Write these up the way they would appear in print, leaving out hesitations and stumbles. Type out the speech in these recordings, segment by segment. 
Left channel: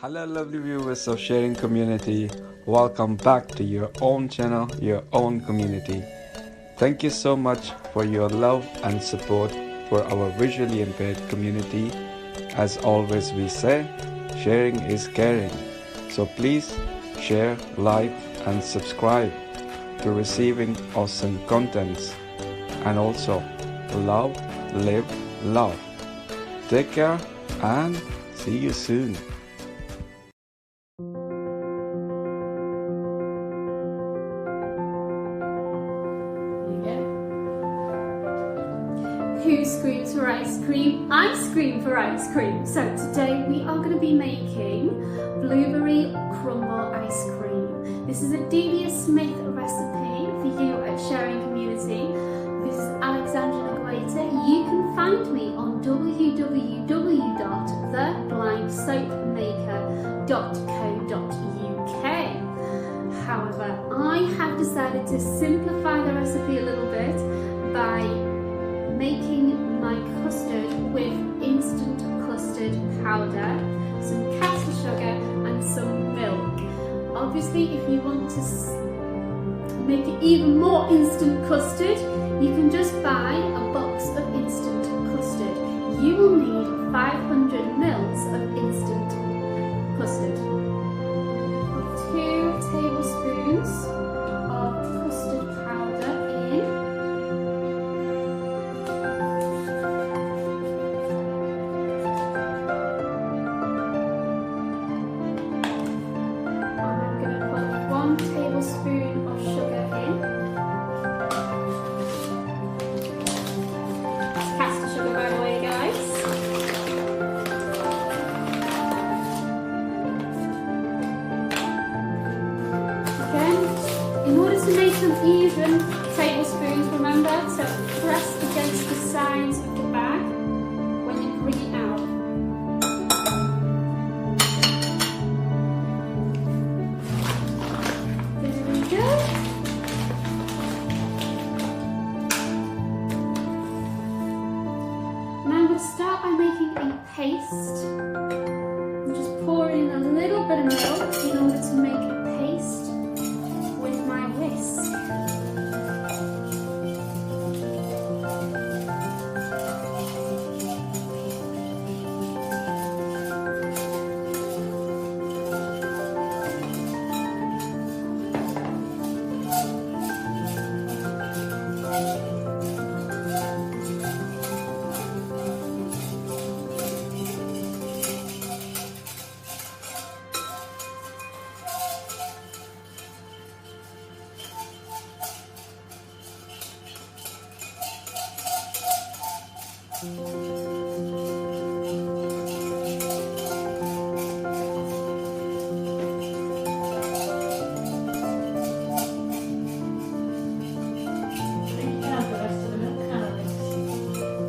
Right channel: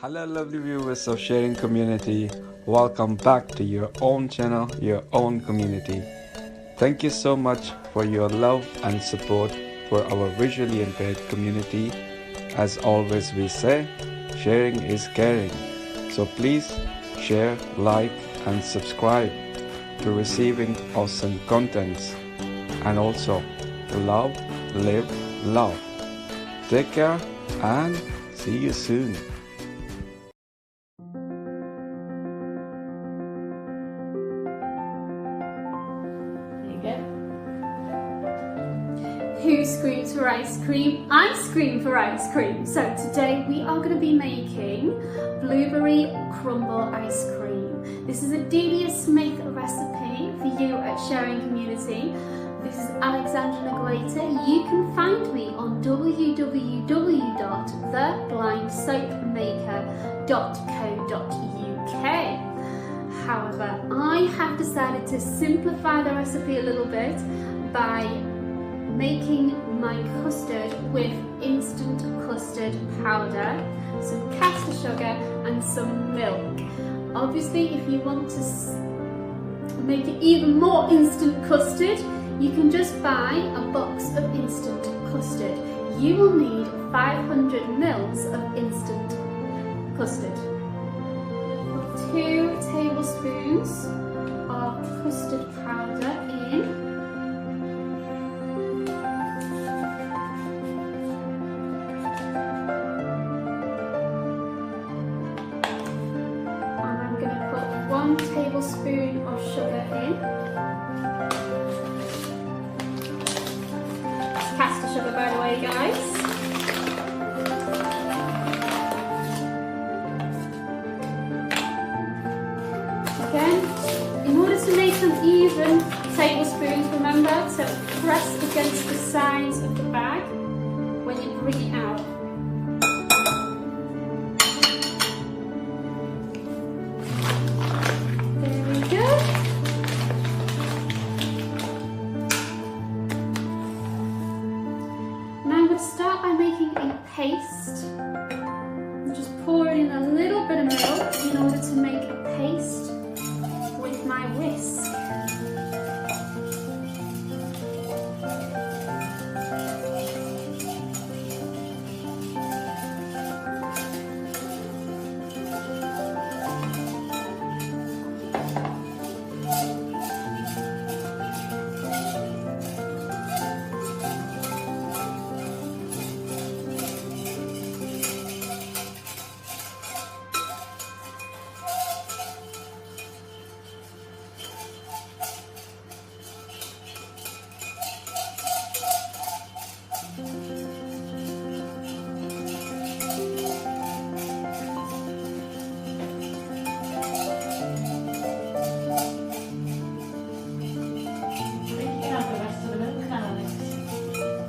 Hello lovely viewers of Sharing Community, welcome back to your own channel, your own community. Thank you so much for your love and support for our visually impaired community. As always we say, sharing is caring. So please share, like and subscribe to receiving awesome contents. And also love, live, love. Take care and see you soon. Who screams for ice cream? I scream for ice cream. So today we are going to be making Blueberry Crumble Ice-cream. This is a devious make recipe for you at Sharing Community. This is Alexandra. You can find me on www.theblindsoapmaker.co.uk. However, I have decided to simplify the recipe a little bit by making my custard with instant custard powder, some caster sugar and some milk. Obviously, if you want to make it even more instant custard, you can just buy a box of instant custard. You will need 500 mils of instant custard. Put 2 tablespoons of custard powder in. And I'm going to put 1 tablespoon of sugar in. Caster sugar, by the way, guys. Again, in order to make them even tablespoons, remember to press against the sides of the bag when you bring it out. There we go. Now I'm going to start by making a paste. I'm just pouring in a little bit of milk in order to make a paste with my whisk.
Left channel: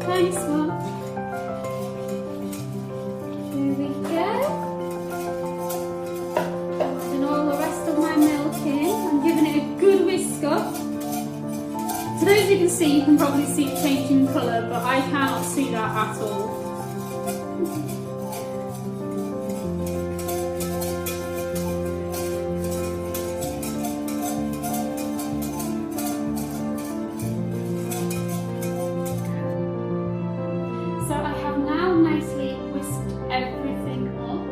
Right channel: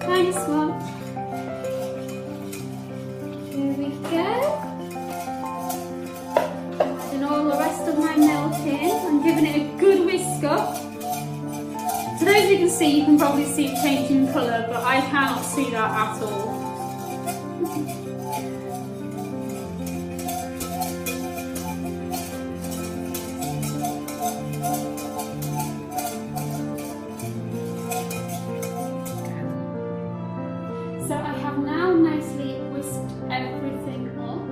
Thanks, Mum. Here we go. Adding all the rest of my milk in. I'm giving it a good whisk up. So those you can see, you can probably see it changing colour, but I cannot see that at all. So I have now nicely whisked everything up.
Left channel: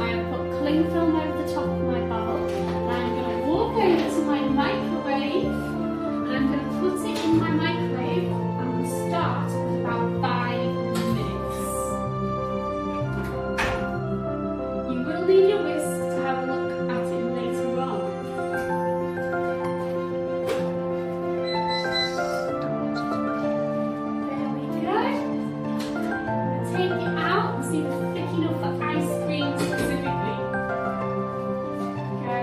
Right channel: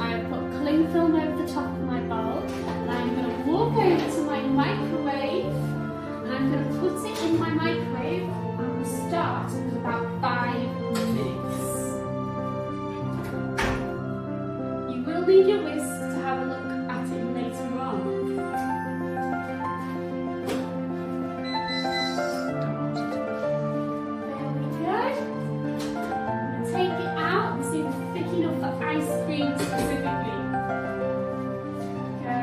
I've put cling film over the top of my bowl, and I'm going to walk over to my microwave, and I'm going to put it in my microwave, and we'll start in about 5 minutes. You will need your whisk to have a look at it later on. There we go. Take it out and see if it's thick enough for ice cream specifically. Go.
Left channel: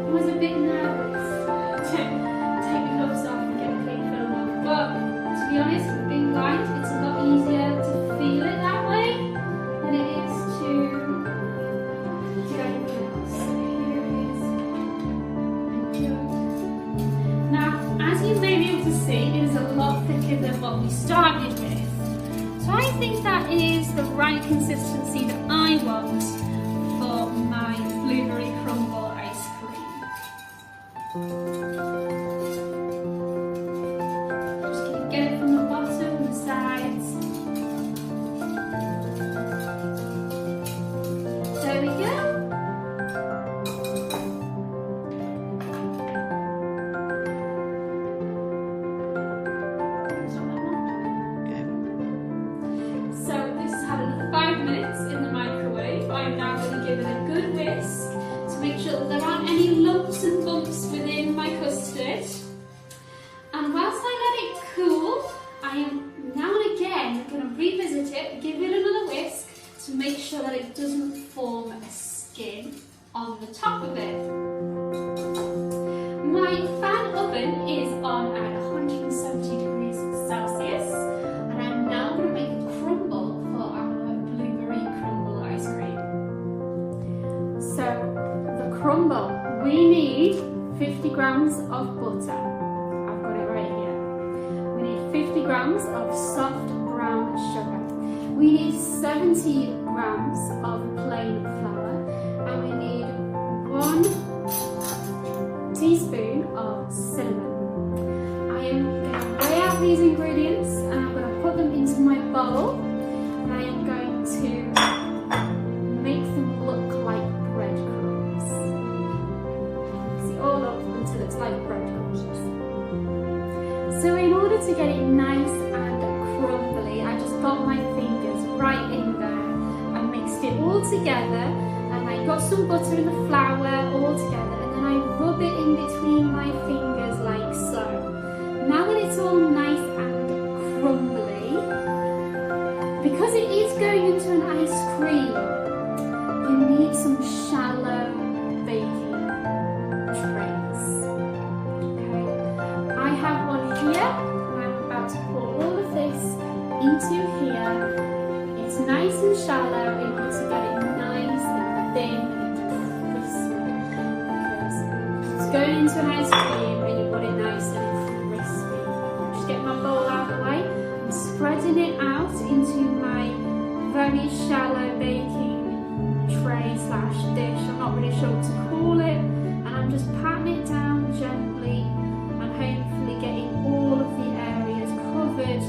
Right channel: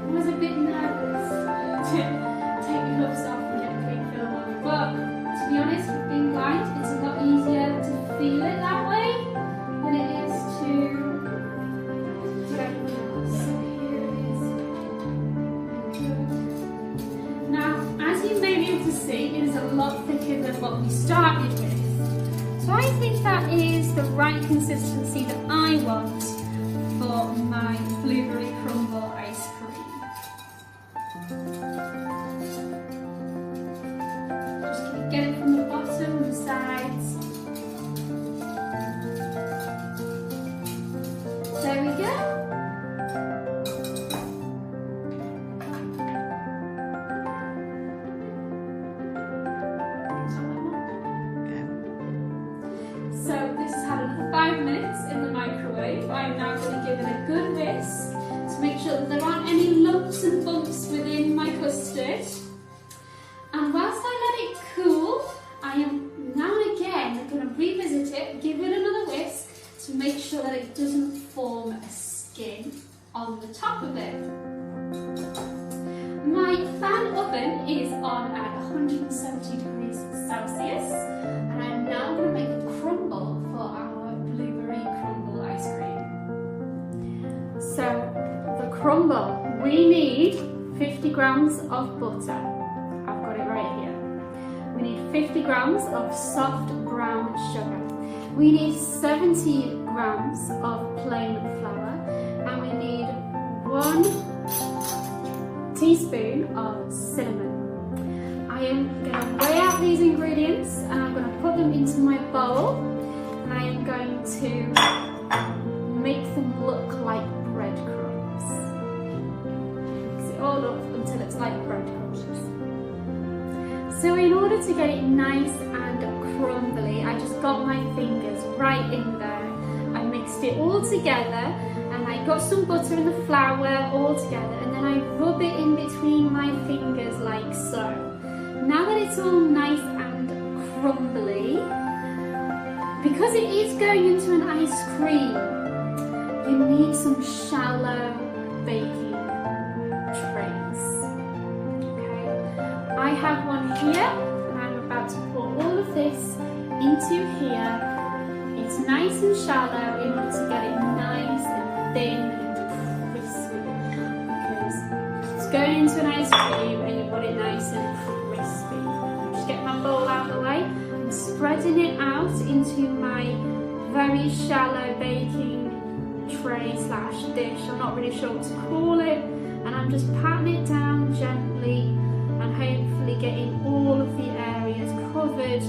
I was a bit nervous to take the gloves off and get the cling film off, but to be honest, with being blind, it's a lot easier to feel it that way than it is to go with it. So here it is. Good. Now, as you may be able to see, it is a lot thicker than what we started with. So I think that is the right consistency that I want for my blueberry crumble ice cream. Just get it from the bottom, the sides. There we go. So this has had another 5 minutes in the microwave. I'm now going to give it a good whisk to make sure that there aren't any lumps and bumps within my custard. And whilst I let it cool, I am now and again going to revisit it, give it another whisk to make sure that it doesn't form a skin on the top of it. My fan oven is on at 170 degrees Celsius, and I'm now going to make a crumble for our blueberry crumble ice cream. So the crumble, we need 50 grams of butter. I've got it right here. We need 50 grams of soft brown sugar. We need 70 grams of plain flour, and we need 1 teaspoon of cinnamon. I am going to weigh out these ingredients and I'm going to put them into my bowl, and I am going to make them look like breadcrumbs. Mix it all up until it's like breadcrumbs. So in order to get it nice and crumbly, I just got my fingers right in there. I mixed it all together, and I got some butter and the flour all together, and then I rub it in between my fingers like so. Now that it's all nice and crumbly, because it is going into an ice cream, we need some shallow baking trays. Okay, I have one here, and I'm about to pour all of this into here. It's nice and shallow in order to get it nice and thin and crispy, because it's going into an ice cream and you want it nice and crispy. I'm just getting my bowl out of the way. I'm spreading it out into my very shallow baking tray slash dish. I'm not really sure what to call it, and I'm just patting it down gently and hopefully getting all of the areas covered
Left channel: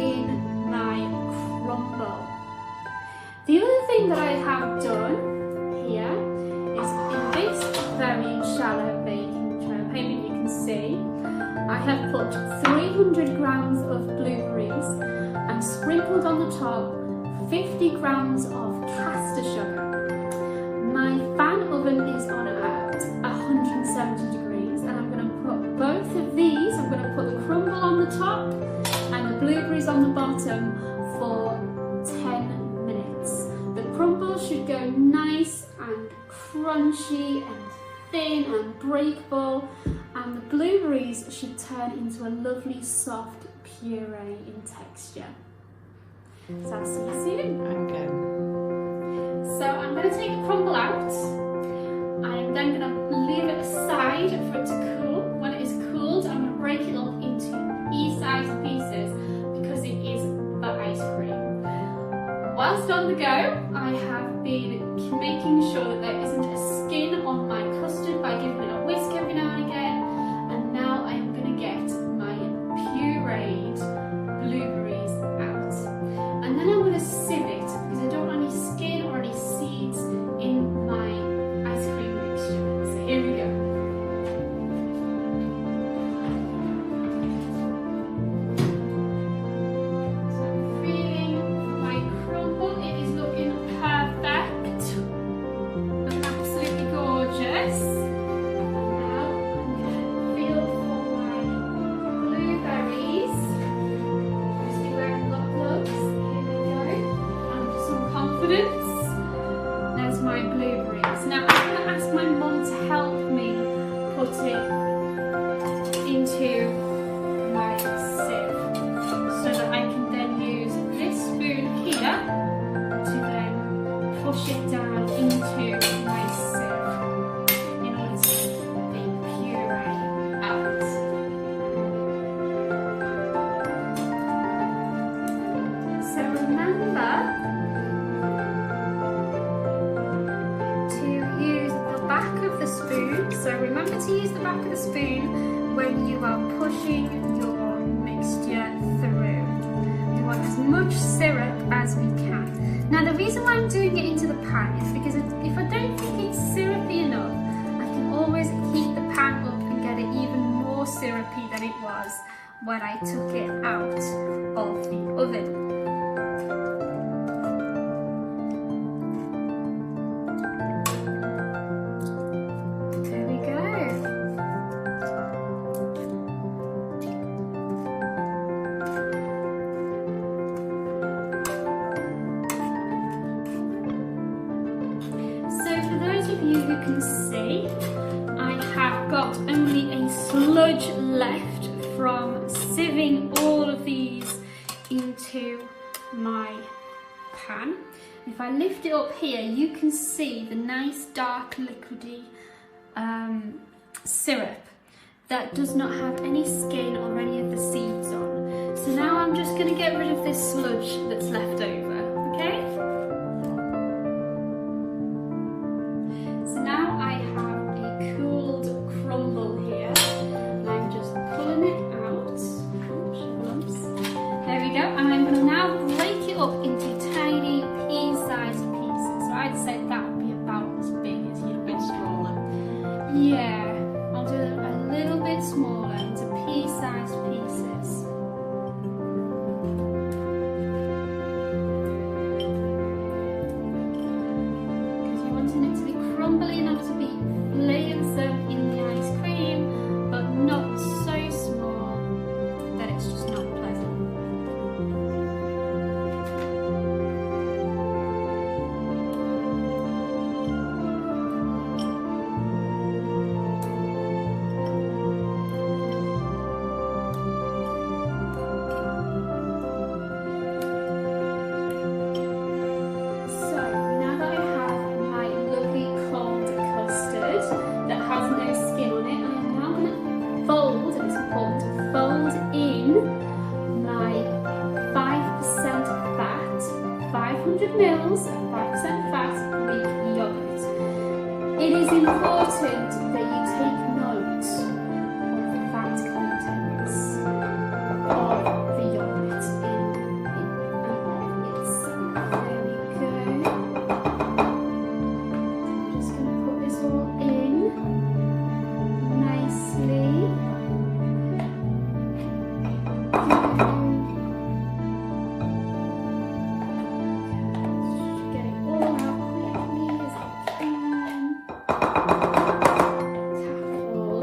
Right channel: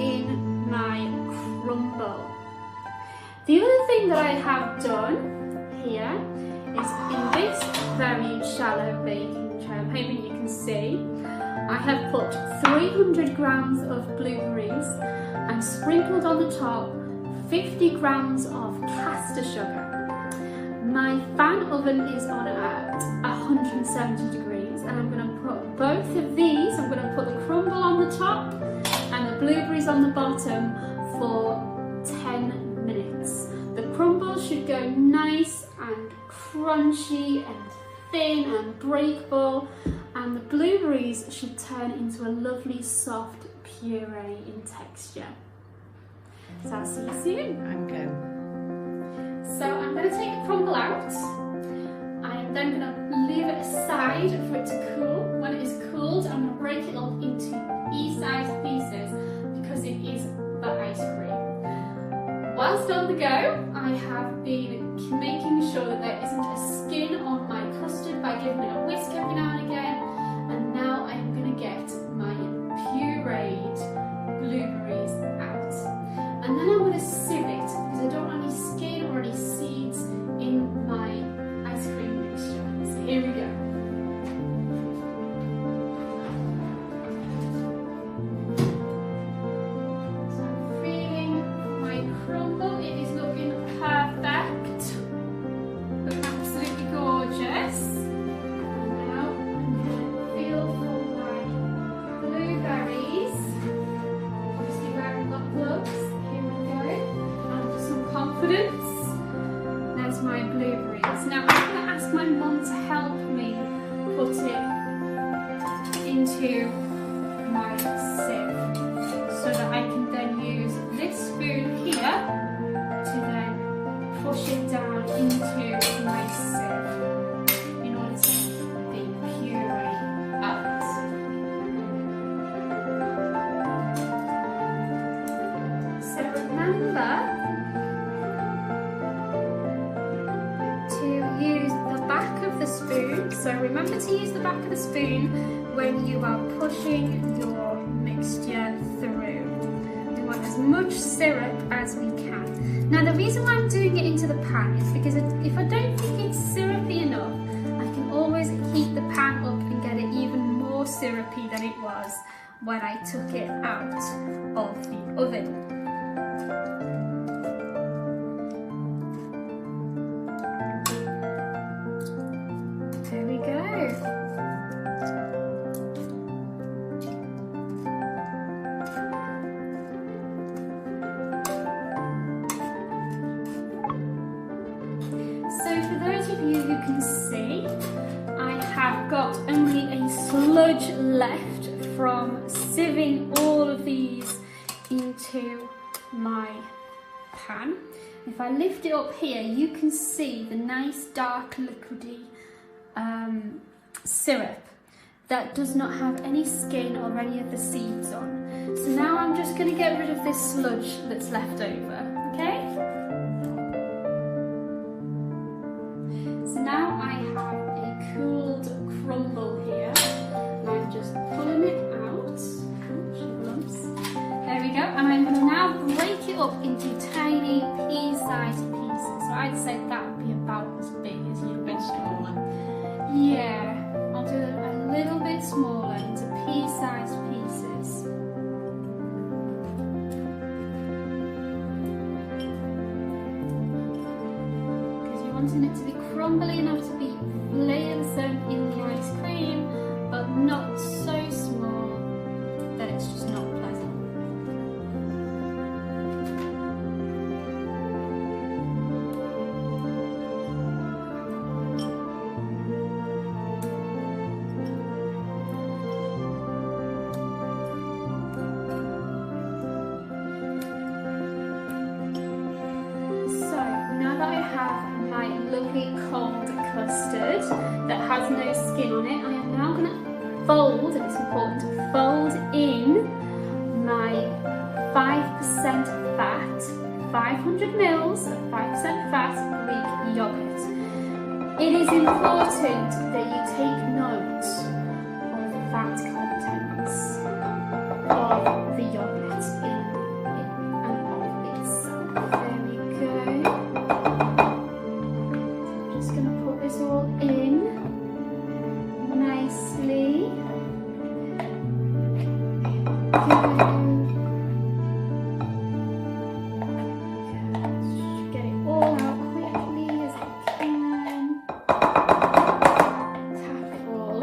in my crumble. The other thing that I have done here is in this very shallow baking tray, I'm hoping you can see, I have put 300 grams of blueberries and sprinkled on the top 50 grams of caster sugar. My fan oven is on at 170 degrees, and I'm going to put both of these, I'm going to put the crumble on the top and the blueberries on the bottom for 10 minutes. The crumble should go nice and crunchy and thin and breakable, and the blueberries should turn into a lovely soft puree in texture. So I'll see you soon. Okay. So I'm going to take the crumble out. I am then going to leave it aside for it to cool. When it is cooled, I'm going to break it up into pea-sized pieces because it is the ice cream. Whilst on the go, I have been making sure that there isn't a skin on my custard by giving it a whisk every now and again. And now I'm going to get my pureed blueberries out. And then I'm going to sieve it because I don't want any skin or any seeds in my ice cream mixture. So here we go. There's my blueberries. Now I'm going to ask my mum to help me put it into my sieve so that I can then use this spoon here to then push it down into my sieve in order to get the puree out. So remember So remember to use the back of the spoon when you are pushing your mixture through. We want as much syrup as we can. Now the reason why I'm doing it into the pan is because if I don't think it's syrupy enough, I can always heat the pan up and get it even more syrupy than it was when I took it out of the oven. There we go. So for those of you who can see, I have got only a sludge left from sieving all of these into my pan. If I lift it up here, you can see the nice dark liquidy syrup that does not have any skin or any of the seeds on. So now I'm just going to get rid of this sludge that's left over, okay? So now I have a cooled crumble here, and I'm just pulling it out. Sugar lumps. There we go, and I'm going to now break it up into tiny pea-sized pieces. So I'd say that would be about as big as your original. Yeah, I'll do it a little bit smaller into pea-sized pieces. Because you're wanting it to be crumbly enough to be flavoursome in the ice cream, but not so small that it's just not pleasant. That has no skin on it. I am now going to fold, and it's important to fold in my 5% fat, 500 mils of 5% fat Greek yogurt. It is important that you take note of the fat contents of the yogurt in and of itself. There we go. I'm just going to put this all in nicely. Get it all out quickly as I can. Tap it all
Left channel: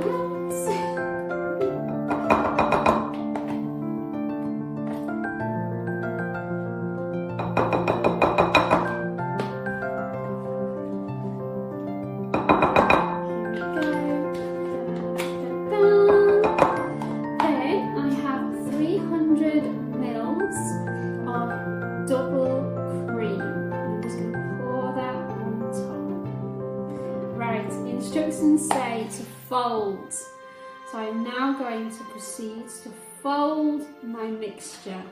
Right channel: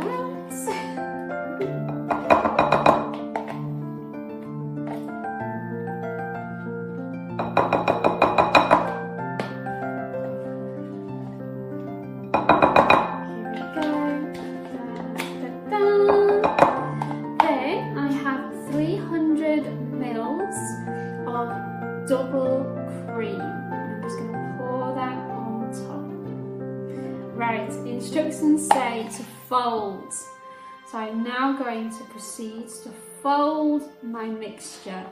double cream. I'm just going to pour that on top. Right, the instructions say to fold. So I'm now going to proceed to fold my mixture.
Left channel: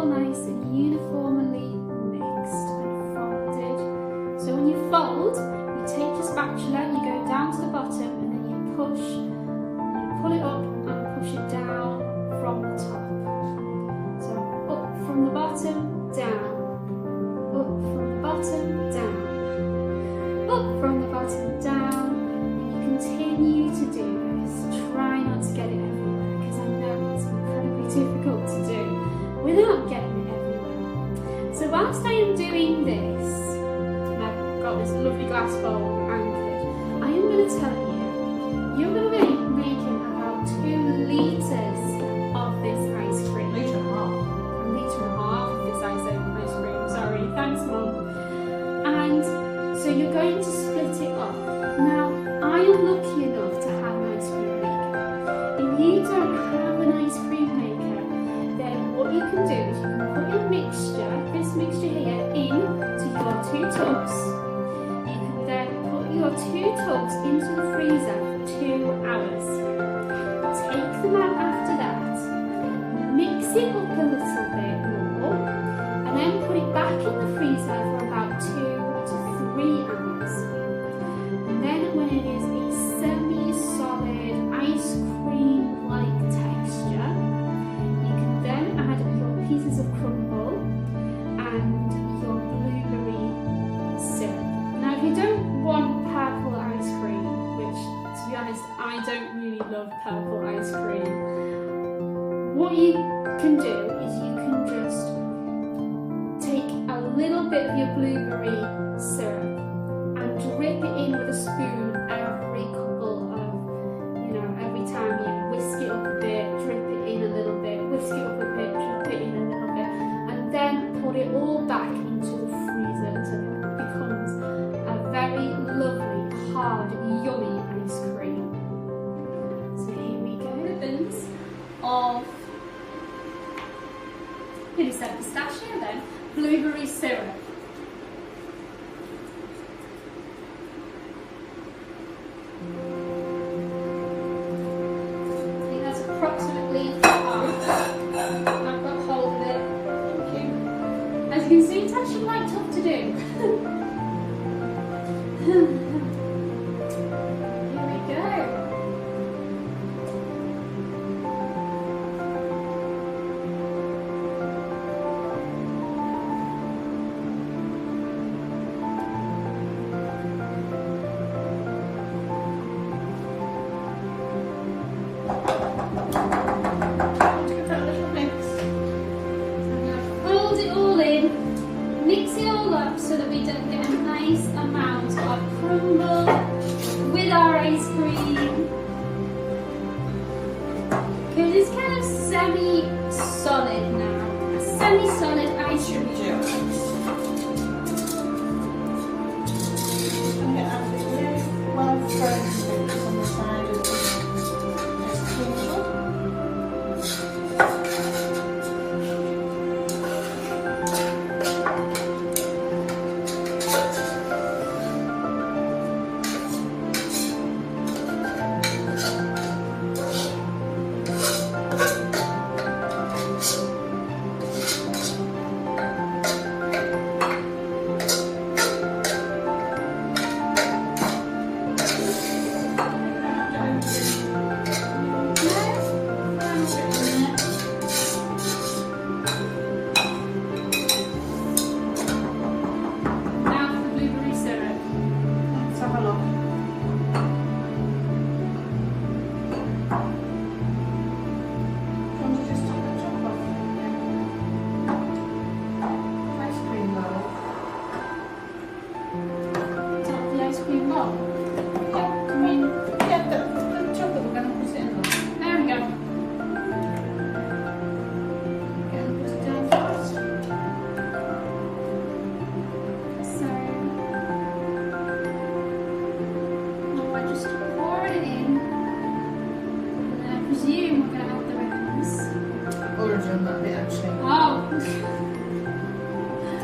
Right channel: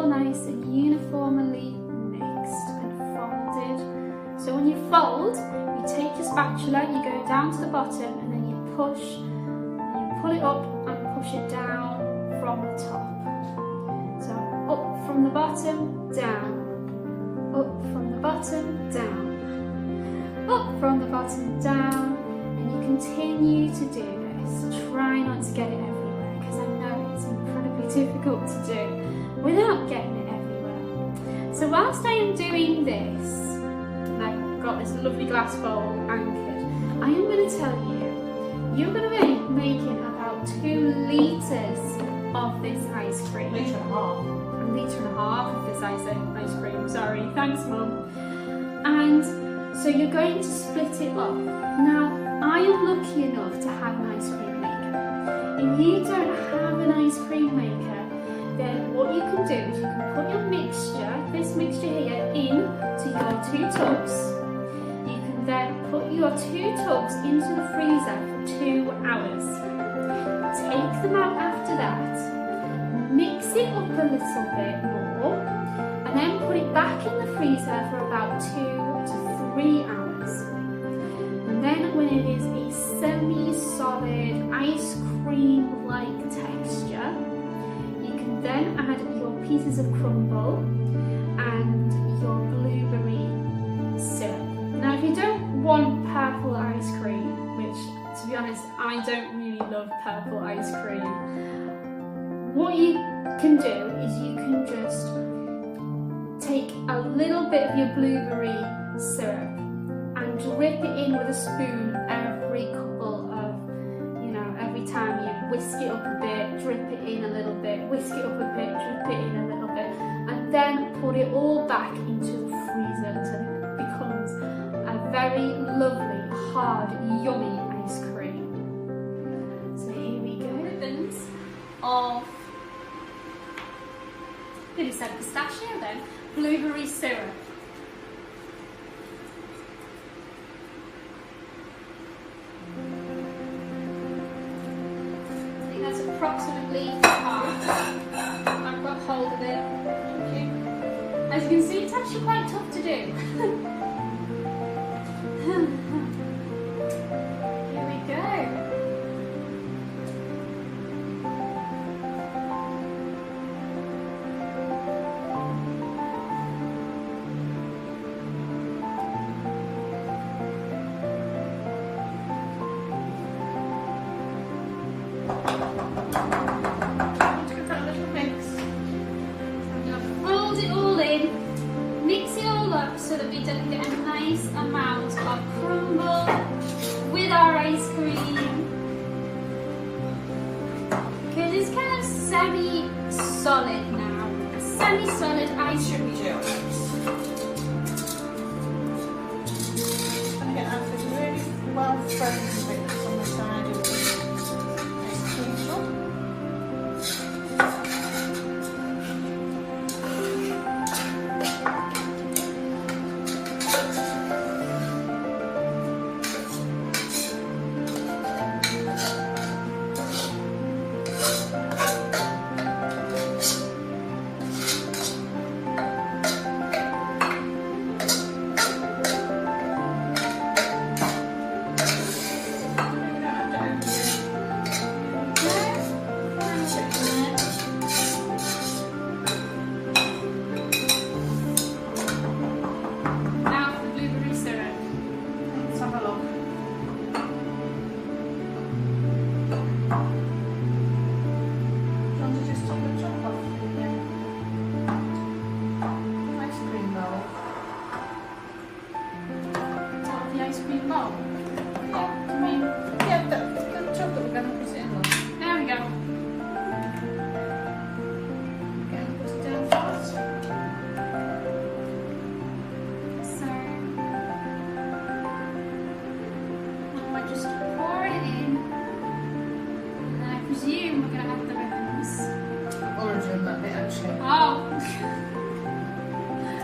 Nice and uniformly mixed and folded. So when you fold, you take a spatula, you go down to the bottom, and then you push, and you pull it up and push it down from the top. So up from the bottom, down, up from the bottom, down, up from the bottom, down, and you continue to do this. Try not to get it everywhere, because I know it's incredibly difficult to do without getting it everywhere. So whilst I am doing this, and I've got this lovely glass bowl anchored, I am going to tell you, you're going to be making about 2 litres of this ice cream. Litre and a half. A litre and a half of this ice cream, sorry, thanks Mum. And so you're going to split it up. Now, I am lucky enough to have an ice cream maker. If you don't have an ice cream maker, then what you can do is you can put your mixture, this mixture here, your 2 tubs into the freezer for 2 hours. Take them out after that, mix it up a little bit more, and then put it back in the freezer for about 2 to 3 hours. And then when it is a semi-solid ice cream-like texture, you can then add your pieces of crumble and your blueberry syrup. Now if you don't want purple ice cream, which to be honest I don't really love purple ice cream, what you can do is you can just take a little bit of your blueberry syrup and drip it in with a spoon every couple of, every time you whisk it up a bit, drip it in a little bit, whisk it up a bit, drip it in a little bit, and then put it all back into the freezer until it becomes a very lovely, hard, yummy ice cream. So here we go. Ribbons of, you said pistachio then, blueberry syrup. Approximately half. I've got hold of it. Thank you. As you can see, it's actually quite tough to do. Here we go. So that we don't get a nice amount of crumble with our ice cream. Okay, it's kind of semi-solid now. A semi-solid ice cream. Get that really well thrown on the side of the ice cream tub.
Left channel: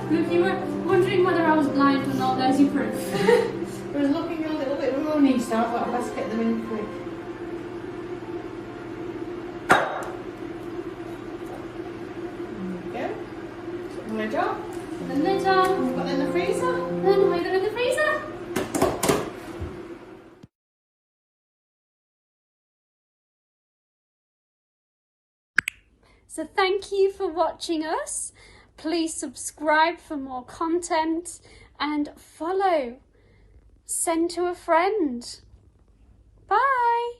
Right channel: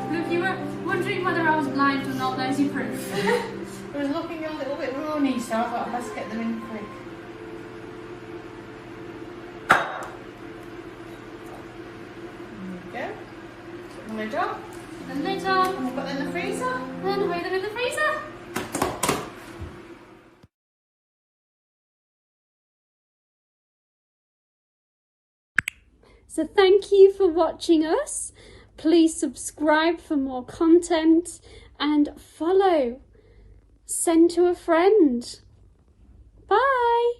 If you were wondering whether I was blind or not, there's your proof. It was looking a little bit runny, so I thought I'd best get them in quick. There we go. Put the lid on. Put the lid on. We've got them in the freezer. Then we'll put them in the freezer. So thank you for watching us. Please subscribe for more content and follow. Send to a friend. Bye.